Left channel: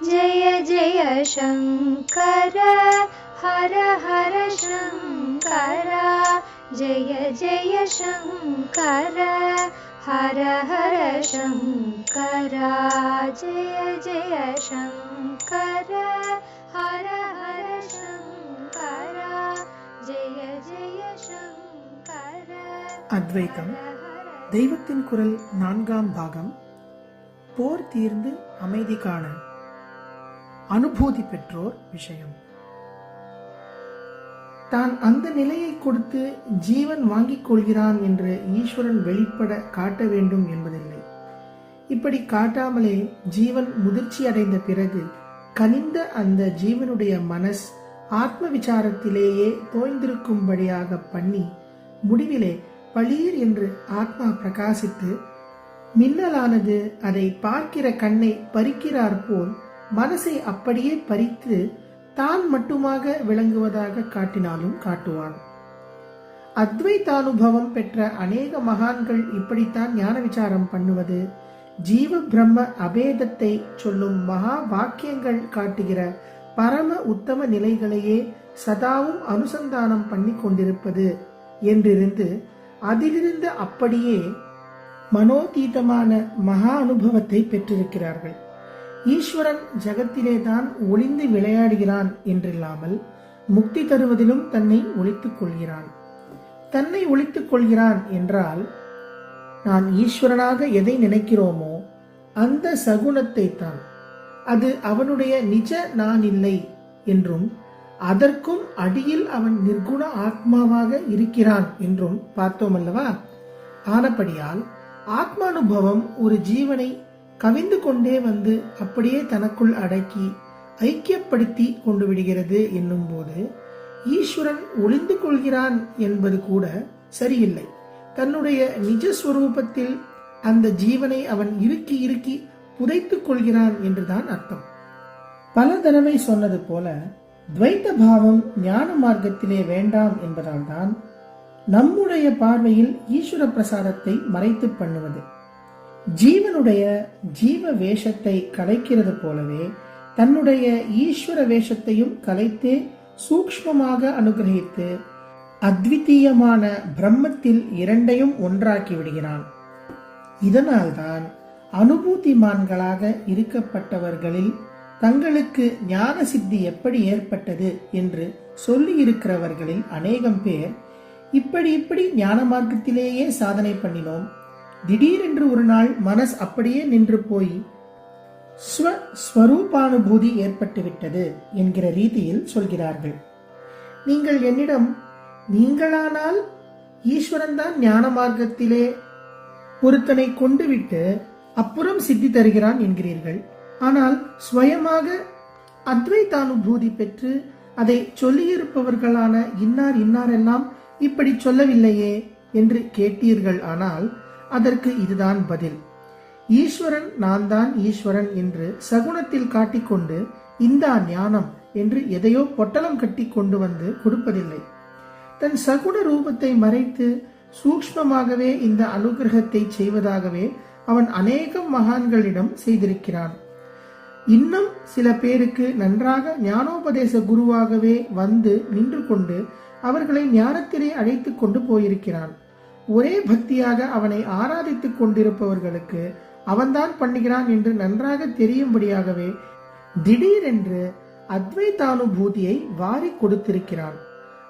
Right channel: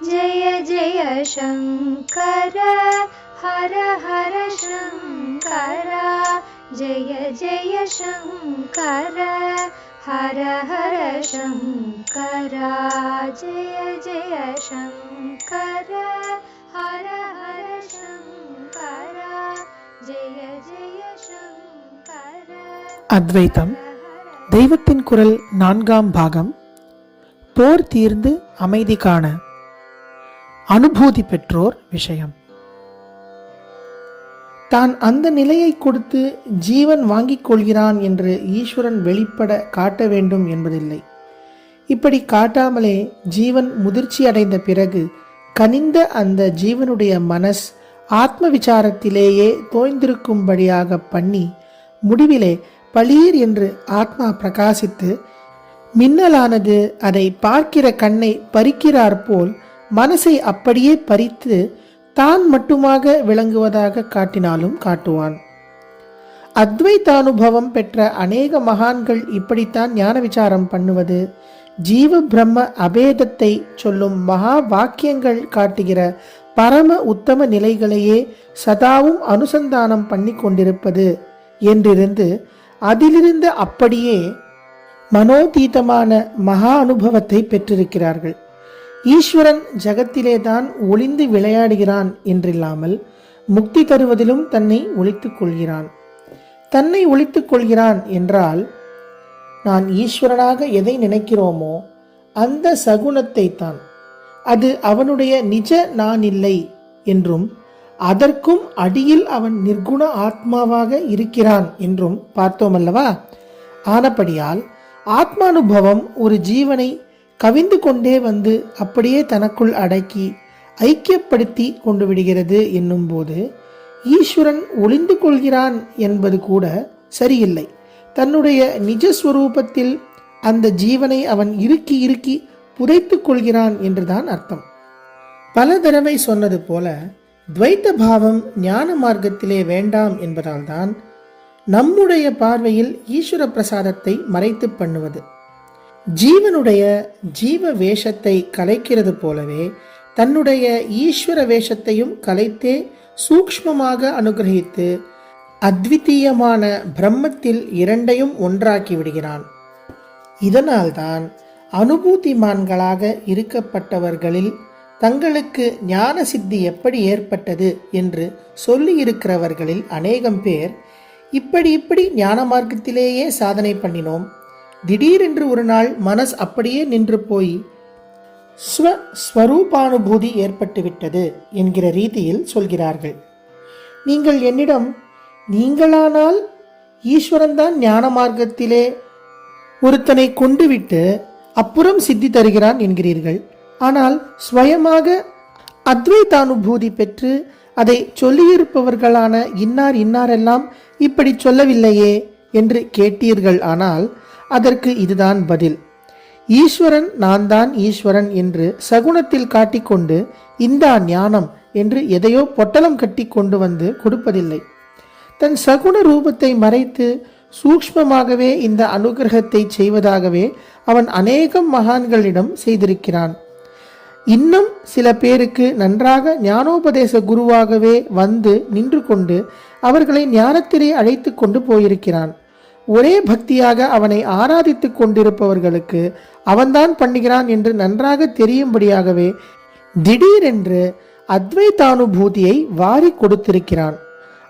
जय जय शङ्कर हर हर शङ्कर जय जय शङ्कर हर हर शङ्कर जय जय शङ्कर हर हर शङ्कर जय जय शङ्कर. அத்வைதம் தெய்வத்தின் குரல் 4ஆம் பாகம். போர் தீர்ந்து அமைதி காண அனுபூதி பெற்றோர் விஷயம். தான் அந்த நிலையை கொடுத்து ஜீவன் வாங்கிக் கொள்கிறான் என்று ஈஸ்வரன் வெளிப்பட காட்ட வேண்டும் என்பதில்லை. இப்படி காட்டாமலே ஜீவன் முதிர்ச்சி அடைந்த பிறகு கனிந்த அந்த ஜீவனுடைய மனஸ் ஆத்ம விசாரத்திலேயே தோய்ந்திருக்கும்படியாக பண்ணி முடிவிலே பளீர் என்று ஆத்மா பிரகாசித்து மின்னலானது அதை பார்க்கிற கண்ணை பறிக்கிறார் போல் மனசை அப்படியே பறித்து தான் மட்டுமாக விளங்குவதாக காட்டினாலும் காட்டுவான். அத்வைதானுபவம் பெற்ற அநேக மகான்கள் இப்படித்தான் ஞான விசாரம் பண்ணுவது. ஜீவ பிரம்ம அபேதத்தை சொல்லும் மகா வாக்கியங்கள் காட்டுகிற பரம உத்தம நிலைகளையே சதாவும் அனுசந்தானம் பண்ணி கொண்டிருப்பது என்றிருந்து அதிலிருந்து அப்படியே மனோதீதமான மகா அனுபவத்தை பெற்றிருக்கிறார்கள். ஈஸ்வரன் ஜகத்திலே தான் ஒளிந்து விளையாடுகிறான் என்றில்லாமல் முக்தி தருவதிலும் தன்னை ஒளித்துக் கொள்கிறான். தன்னை ஒளித்துக் கொள்கிறான் என்றால் நான் ஈஸ்வரனாக எதை நினைக்கிறோமோ அந்த சகுணத்தை தான், அது அவனுடைய நிஜ நான் இல்லை என்றும் அதற்கும் அடியில் அவன் நிர்குண ஆத்மாவாக இருக்கிறான் என்றும் பார்த்தோம் அல்லவா. ஆனபடியால் ஆத்மானுபவம் ஒரு ஜீவனை கவிந்து கொண்டே வந்து அப்படியே தனக்குள் அடக்கி ஐக்கியப்படுத்தி கொண்டு விடுகிறது என்னும் போது ஈஸ்வரன் ஒளிந்து கொள்கிறான் என்பது கூட சரியில்லை. தன்னுடைய நிஜஸ்வரூபத்தில் அந்த ஜீவனை அவன் இறுக்கி இறுக்கி புதைத்துக் கொள்கிறான் என்றுதான் அர்த்தம். பல தடவை சொன்னது போல துவைத்த பாவம் ஞான மார்க்கத்திலே வேண்டாம் என்பதால் தான் நம்முடைய பார்வையில் ஈஸ்வர பிரசாதத்தை மறைத்து பண்ணுவது. ஜீவனுடைய ஜீவ வேஷத்தை கலைக்கிறது போலவே தன்னுடைய ஈஸ்வர வேஷத்தையும் கலைத்தே சூக்ஷ்மமாக அனுகிரகித்து அத்விதீயமான பிரம்மத்தில் இரண்டையும் ஒன்றாக்கி விடுகிறான். இதனால்தான் அனுபூதிமான்களாக இருக்கப்பட்டவர்களில் தங்களுக்கு ஞான சித்தி எப்படி ஏற்பட்டது என்று சொல்லி இருக்கிறவர்களில் அநேகம் பேர் இப்படி ஞான மார்க்கத்திலேயே சாதனை பண்ணினோம், திடீரென்று ஒரு நாள் மனஸ் அப்படியே நின்று போய் ஸ்வரூபானுபூதி ஏற்பட்டுவிட்டது என்கிற ரீதியில் சொல்கிறார்கள். நீங்கள் என்னிடம் நீங்களானால் ஈஸ்வரன் தான் ஞான மார்க்கத்திலே ஒருத்தனை கொண்டு விட்டு அப்புறம் சித்தி தருகிறான் என்கிறீர்கள். ஆனால் ஸ்வயமாக அத்வைதானுபூதி பெற்று அதை சொல்லியிருப்பவர்களான இன்னார் இன்னாரெல்லாம் இப்படி சொல்லவில்லையே என்று கேட்டீர்கள். ஆனால் அதற்கு இதுதான் பதில். ஈஸ்வரன் நான் தான் ஈஸ்வரன் என்று சகுனத்தில் காட்டிக்கொண்டு இந்தா ஞானம் என்று எதையோ பொட்டலம் கட்டி கொண்டு வந்து கொடுப்பதில்லை. தன் சகுன ரூபத்தை மறைத்து சூக்ஷ்மமாகவே இந்த அனுகிரகத்தை செய்வதாகவே அவன் அநேகம் மகான்களிடம் செய்திருக்கிறான். இன்னும் சில பேருக்கு நன்றாக ஞானோபதேச குருவாகவே வந்து நின்று கொண்டு அவர்களை ஞானத்திலே அழைத்து கொண்டு போயிருக்கிறான். ஒரே பக்தியாக அவனை ஆராதித்துக் கொண்டிருப்பவர்களுக்கு அவன்தான் பண்ணுகிறான் என்று நன்றாக தெரியும்படியாகவே திடீரென்று அத்வைதானுபூதியை வாரி கொடுத்திருக்கிறான்.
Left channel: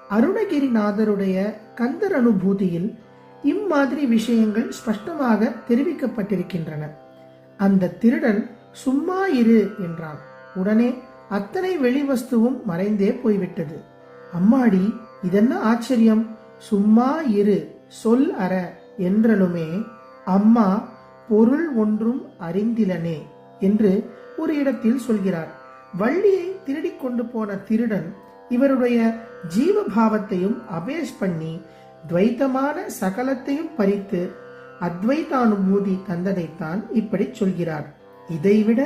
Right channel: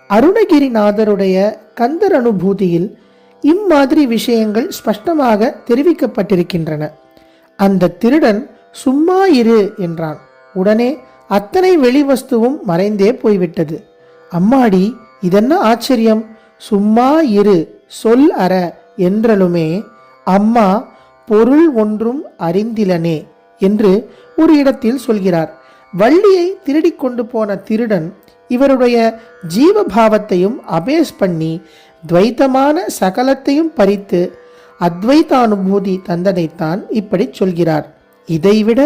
அருணகிரிநாதருடைய கந்தர் அனுபூதியில் இம்மாதிரி விஷயங்கள் ஸ்பஷ்டமாக தெரிவிக்கப்பட்டிருக்கின்றன. அந்த திருடன் சும்மா இரு என்றான். உடனே அத்தனை வெளிவஸ்துவும் மறைந்தே போய்விட்டது. அம்மாடி, இதென்ன ஆச்சரியம்! சும்மா இரு சொல் அற என்றலுமே அம்மா பொருள் ஒன்றும் அறிந்திலனே என்று ஒரு இடத்தில் சொல்கிறார். வள்ளியை திருடி கொண்டு போன திருடன் இவருடைய ஜீவபாவத்தையும் அபேஸ் பண்ணி துவைத்தமான சகலத்தையும் பறித்து அத்வைதானுபூதி தந்ததைத்தான் இப்படி சொல்கிறார். இதைவிட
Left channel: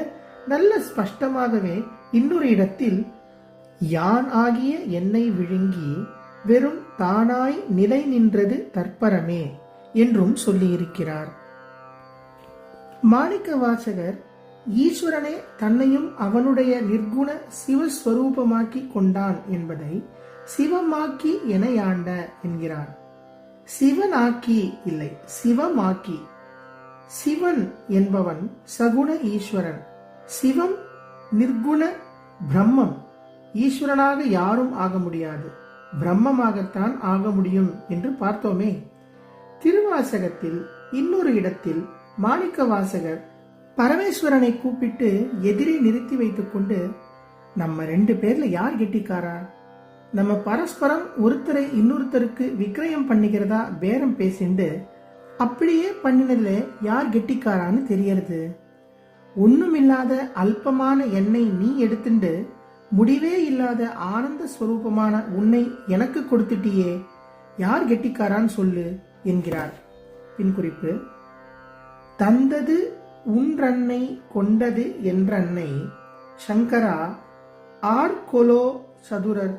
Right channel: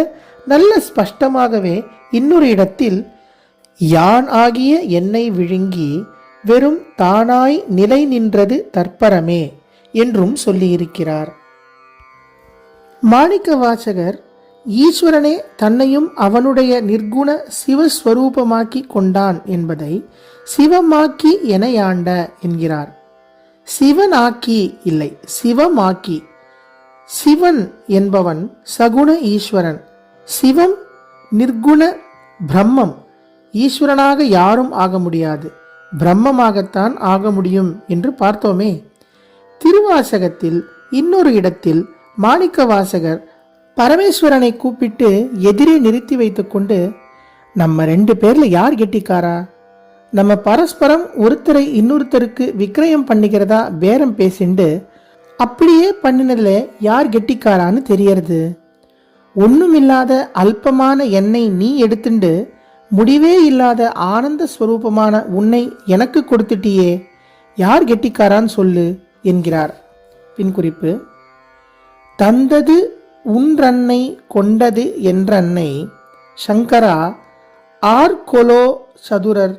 நல்ல ஸ்பஷ்டமாகவே இன்னொரு இடத்தில் யான் ஆகிய என்னை விழுங்கி வெறும் தானாய் நிலை நின்றது தற்பரமே என்றும் சொல்லியிருக்கிறார். மாணிக்க வாசகர் ஈஸ்வரனே தன்னையும் அவனுடைய நிர்குண சிவஸ்வரூபமாக்கி கொண்டான் என்பதை சிவமாக்கி எனையாண்ட என்கிறார். சிவனாக்கி இல்லை, சிவமாக்கி. சிவன் என்பவன் சகுண ஈஸ்வரன், சிவம் நிர்குண பிரம்மம். ஈஸ்வரனாக யாரும் ஆக முடியாது, பிரம்மமாகத்தான் ஆக முடியும் என்று பார்த்தோமே. திருவாசகத்தில் இன்னொரு இடத்தில் மாணிக்க வாசகர் பரமேஸ்வரனை கூப்பிட்டு எதிரே நிறுத்தி வைத்துக்கொண்டு, நம்ம 2 பேர்ல யார் கெட்டிக்காரா? நம்ம பரஸ்பரம் ஒருத்தரை இன்னொருத்தருக்கு விக்கிரயம் பண்ணிக்கிறதா பேரம் பேசிண்டு அப்படியே பண்ணினதுல யார் கெட்டிக்காரான்னு தெரியறது. ஒண்ணுமில்லாத அல்பமான என்னை நீ எடுத்துண்டு முடிவே இல்லாத ஆனந்த ஸ்வரூபமான உன்னை எனக்கு கொடுத்துட்டியே, யார் கெட்டிக்காரான்னு சொல்லு என்கிறார். பின்குறிப்பு: தந்தது உன்றன்னை கொண்டது என்றன்னை சங்கரா ஆர்கொலோ சதுரர்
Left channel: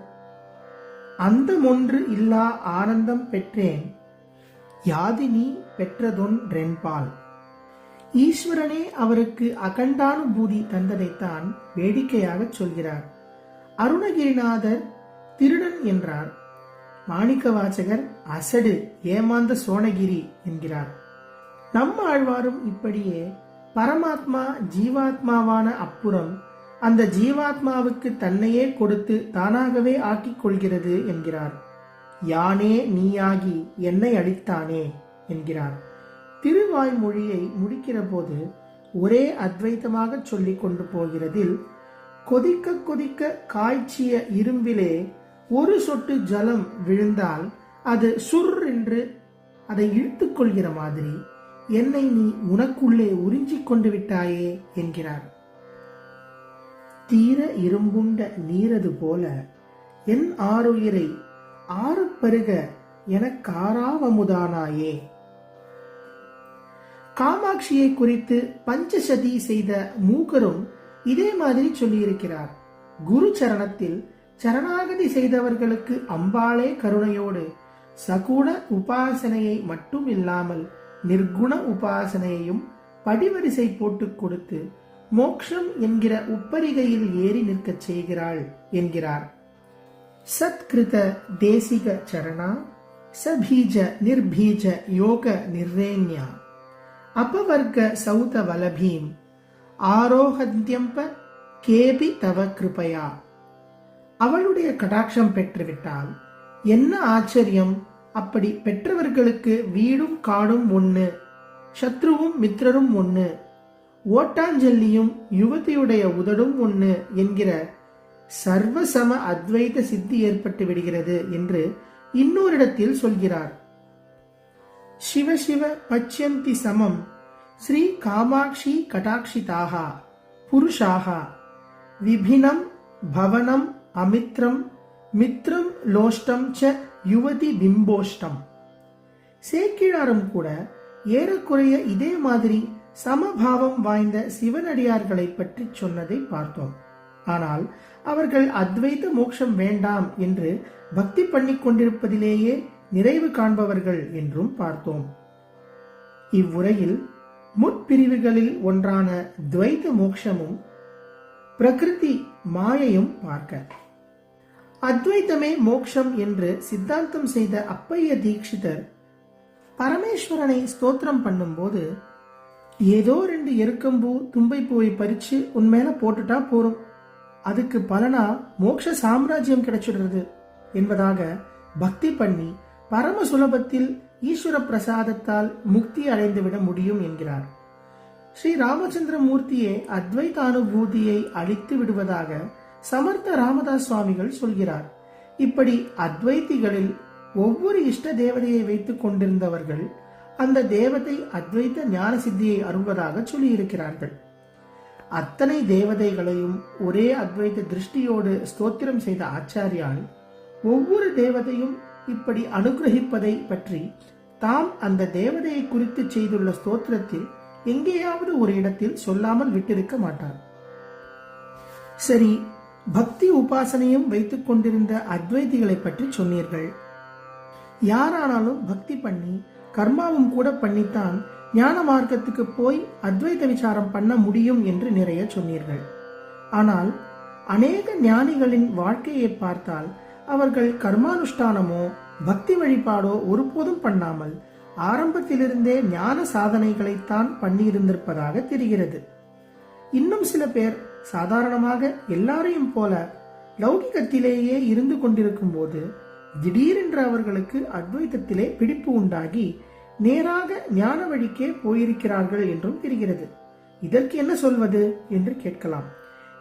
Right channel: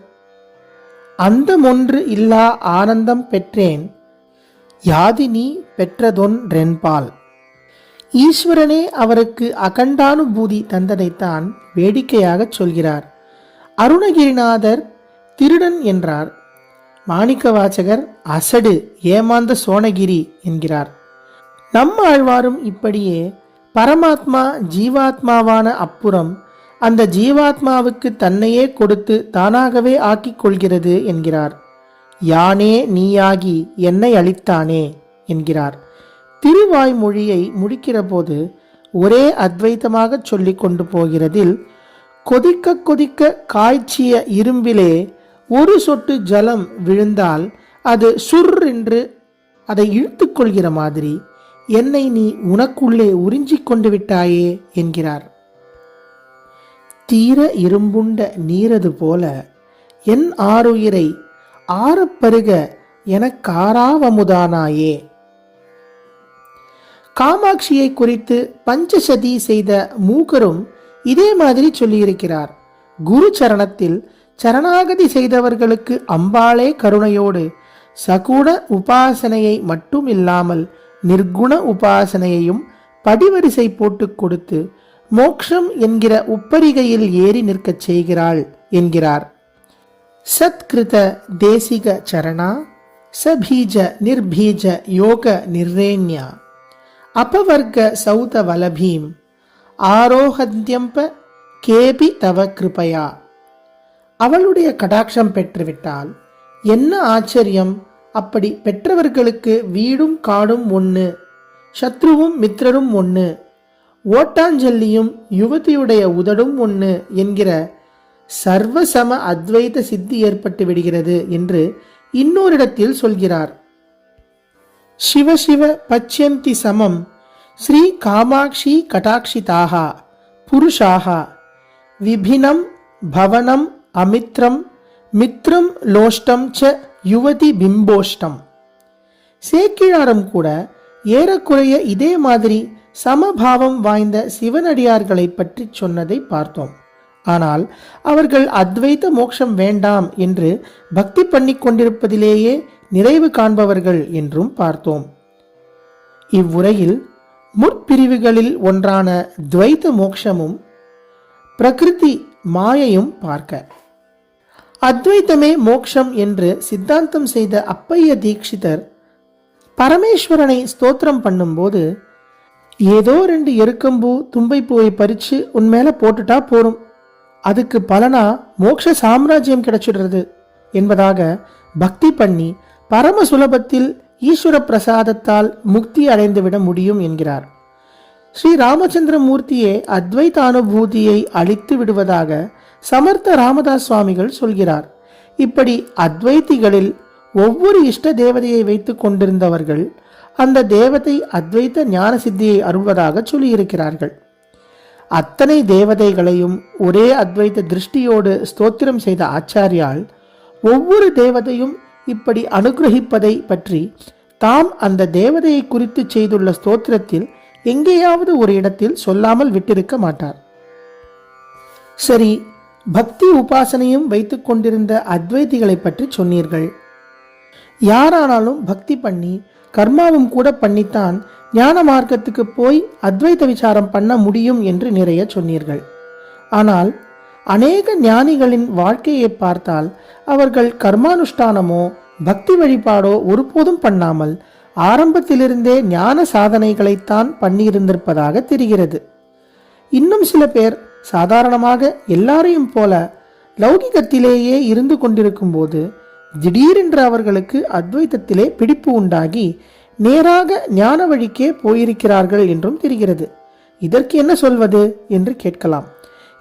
அந்தமொன்று இல்லா ஆனந்தம் பெற்றேன் யாதினி பெற்றதொன்றென்பால். ஈஸ்வரனே அவருக்கு அகண்டானுபூதி தந்ததைத்தான் வேடிக்கையாக சொல்கிறார். அருணகிரிநாதர் திருடன் என்றார். மாணிக்கவாசகர் அசடு ஏமாந்த சோனகிரி என்கிறார். நம்ம ஆழ்வாரும் இப்படியே பரமாத்மா ஜீவாத்மாவான அப்புறம் அந்த ஜீவாத்மாவுக்கு தன்னையே கொடுத்து தானாகவே ஆக்கிக் கொள்கிறது என்கிறார். யானே நீயாகி என்னை அளித்தானே என்கிறார். திருவாய்மொழியை முடிக்கிற போது ஒரே அத்வைத்தமாக சொல்லிக் கொண்டு போகிறதில், கொதிக்க கொதிக்க காய்ச்சிய இரும்பிலே ஒரு சொட்டு ஜலம் விழுந்தால் அது சுர் என்று அதை இழுத்து கொள்கிற மாதிரி என்னை நீ உனக்குள்ளே உறிஞ்சிக் கொண்டு விட்டாயே என்கிறார். தீர இரும்புண்ட நீரது போல என் ஆருயிரை ஆரப்பருக எனக்காராவமுதானாயே. காமாட்சியை குறித்து பஞ்சசதி செய்த மூகரும் இதே மாதிரி சொல்லியிருக்கிறார். குரு சரணத்தில் சரணாகதி செய்தவர்களுக்கு அம்பாளே கருணையோடு சகுண உபாசனையை மட்டும் இல்லாமல் நிர்குண உபாசனையையும் படிவரிசை போட்டு கொடுத்து மோக்ஷம் என்கிற உப்பரிகையில் ஏறி நிற்கச் செய்கிறாள் என்கிறார். சத்கிருத தேசிக சரணா சபீஜ நிர்பீஜ யோக நிர்ரேண்யா அபவர்க சௌத வலபீம் ஆரோஹத்யம்ப கேபி தவ கிருபயா. அவளுடைய கடாட்சம் பெற்றுவிட்டால் என்ன ஆச்சரியம்! அப்படி பெற்றவர்களுக்கு வீடும் காடும் ஒன்று, சத்ருவும் மித்திரரும் ஒன்று, ஓட்டாஞ்சல்லியும் யுவதியுடைய உதடும் ஒன்று என்கிற சர்வசம அத்வைத சித்தி ஏற்பட்டு விடுகிறது என்று இன்னொரிடத்தில் சொல்கிறார். சிவசிவ பச்யந்தி சமம் ஸ்ரீ காமாட்சி கடாட்சிதாக புருஷாக விபினம் பவனம் அமித்ரம் மித்ரம் லோஷ்டம் ச யுவதி பிம்போஷ்டம். சேக்கிழாரும் கூட ஏறக்குறைய இதே மாதிரி சமபாவம் வாய்ந்த சிவனடியார்களை பற்றி சொன்னதை பார்த்தோம். ஆனால் அவர்கள் அத்வைத மோட்சம் வேண்டாம் என்று பக்தி பண்ணி கொண்டிருப்பதிலேயே நிறைவு காண்பவர்கள் என்றும் பார்த்தோம். இவ்வுரையில் முற்பிரிவுகளில் ஒன்றான துவைத மோட்சமும் பிரகிருதி மாயையும் பார்க்க, அத்வைத்தமே மோக்ஷம் என்று சித்தாந்தம் செய்த அப்பைய தீட்சிதர் பரமேஸ்வரனை ஸ்தோத்திரம் பண்ணும்போது, ஏதோ 2 எருக்கம்பூ தும்பைப்பூவை பறிச்சு உன் மேல போட்டுட்டா போரும், அதுக்கு பலனா மோட்ச சாம்ராஜ்யம் கிடைச்சிடுறது என்பதாக பக்தி பண்ணி பரம சுலபத்தில் ஈஸ்வர பிரசாதத்தால் முக்தி அடைந்துவிட முடியும் என்கிறார். ஸ்ரீ ராமச்சந்திர மூர்த்தியே அத்வைத அனுபூதியை அளித்து விடுவதாக சமர்த்த ராமதாஸ் சுவாமிகள் சொல்கிறார். இப்படி அத்வைத்திகளில் ஒவ்வொரு இஷ்ட தேவதையை வைத்துக் கொண்டிருந்தவர்கள் அந்த தேவதை அத்வைத ஞான சித்தியை அருள்வதாக சொல்லியிருக்கிறார்கள். அத்தனை தேவதைகளையும் ஒரே அத்வைத திருஷ்டியோடு ஸ்தோத்திரம் செய்த ஆச்சாரியால் ஒவ்வொரு தேவதையும் இப்படி அனுகிரகிப்பதை பற்றி தாம் அந்த தேவதையை குறித்து செய்துள்ள ஸ்தோத்திரத்தில் எங்கேயாவது ஒரு இடத்தில் சொல்லாமல் விட்டிருக்க மாட்டார். சரி, பக்தி உபாசனையும் வைத்துக் கொண்டிருந்த அத்வைதிகளை பற்றி சொன்னீர்கள். யாரானாலும் பக்தி பண்ணி கர்மாவும் கூட பண்ணித்தான் ஞான மார்க்கத்துக்கு போய் அத்வைத விசாரம் பண்ண முடியும் என்று நிறைய சொன்னீர்கள். ஆனால் அநேக ஞானிகளின் வாழ்க்கையை பார்த்தால் அவர்கள் கர்மானுஷ்டானமோ பக்தி வழிபாடோ ஒருபோதும் பண்ணாமல் ஆரம்பத்திலிருந்தே ஞான சாதனைகளைத்தான் பண்ணியிருந்திருப்பதாக தெரிகிறது. இன்னும் சில பேர் சாதாரணமாக எல்லாரையும் போல லௌகிகத்திலேயே இருந்து கொண்டிருக்கும் போது திடீரென்று அவர்களுக்கு அத்வைத்தத்திலே பிடிப்பு உண்டாகி நேராக ஞான வழிக்கே போயிருக்கிறார்கள் என்றும் தெரிகிறது. இதற்கு என்ன சொல்வது என்று கேட்கலாம்.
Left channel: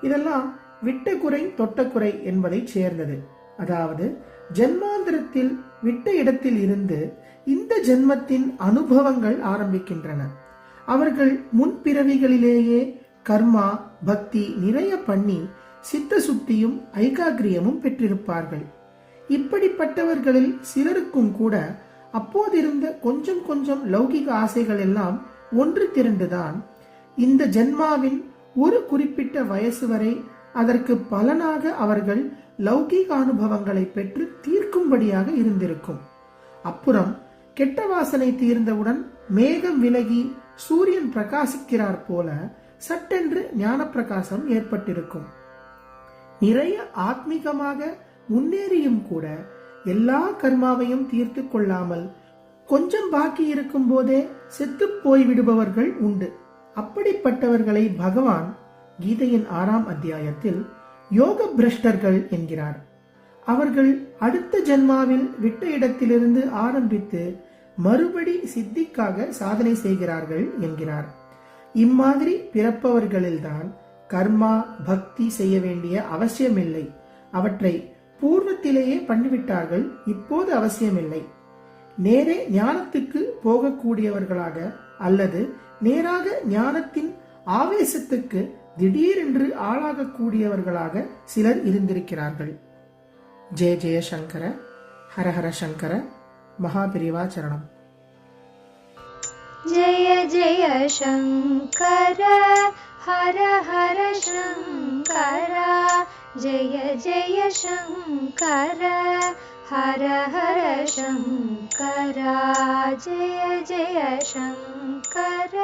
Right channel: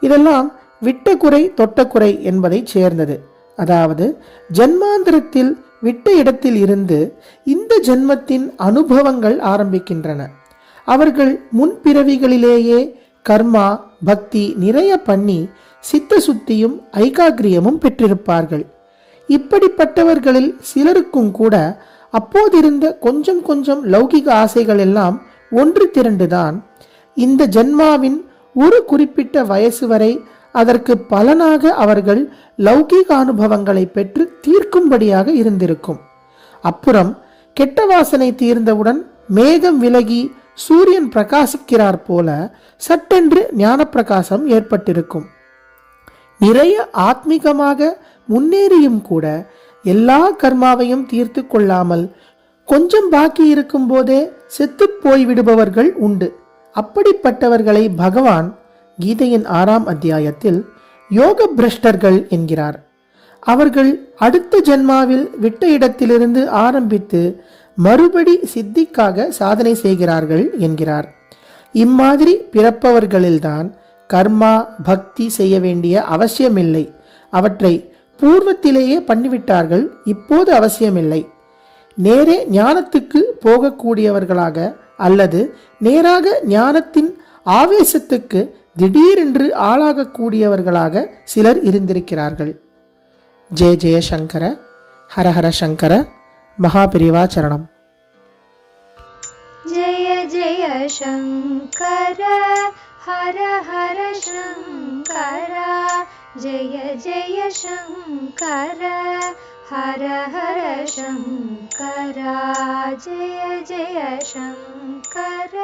இதெல்லாம் விட்ட குறை தொட்ட குறை என்பதை சேர்ந்தது. அதாவது ஜன்மாந்திரத்தில் விட்ட இடத்தில் இருந்து இந்த ஜென்மத்தின் அனுபவங்கள் ஆரம்பிக்கின்றன. அவர்கள் முன்பிறவிகளிலேயே கர்மா பக்தி நிறைய பண்ணி சித்த சுத்தியும் ஐகாகிரியமும் பெற்றிருப்பார்கள். இப்படிப்பட்டவர்களில் சிலருக்கும் கூட அப்போதிருந்த கொஞ்சம் கொஞ்சம் லௌகிக ஆசைகள் எல்லாம் ஒன்று திரண்டுதான் இந்த ஜென்மாவின் ஒரு குறிப்பிட்ட வயசு வரை அதற்கு பலனாக அவர்கள் லௌகீக அனுபவங்களை பெற்று தீர்க்கும்படியாக இருந்திருக்கும். அப்புறம் கெட்ட வாசனை தீர்ந்தவுடன் மேகம் விலகி சூரியன் பிரகாசிக்கிறார் போல சட்டென்று ஞான பிரகாசம் ஏற்பட்டிருக்கும். நிறைய ஆத்மீகமாக முன்னேறியும் கூட எல்லா கர்மாவையும் தீர்த்து கொள்ளாமல் கொஞ்சம் பாக்கி இருக்கும் போதே செத்து போய்விடுபவர்கள் உண்டு. அப்படிப்பட்டவர்களை பகவான் கீதையின் 6ஆம் அத்தியாயத்தில் யோக பிரஷ்டர்கள் என்கிறார். அவர்கள் அடுத்த ஜென்மாவில் விட்ட இடத்திலிருந்து ஆரம்பித்து மறுபடி சித்திக்காக சாதனை செய்கிறார்கள் என்கிறார். இம்மாதிரி பிறப்பவர்களில்தான் கர்மா பக்தி செய்ய வேண்டிய அவசியமில்லை. அவற்றை பூர்வத்திலேயே பண்ணிவிட்டார்கள், இப்போது அவசியமில்லை. நேரே ஞானத்துக்கு போகக்கூடியவர்களாக அல்லது நேராக ஞானத்தின் ஆவேசத்துக்கு திடீரென்று ஆளாகக்கூடியவர்களாக சிலர் இருந்திருக்கிறார்கள். ஜெய ஜெய சங்கர, ஹரஹர சங்கர, மகாபிரிவா சரணம். जय जय शङ्कर हर हर शङ्कर जय जय शङ्कर हर हर शङ्कर जय जय शङ्कर.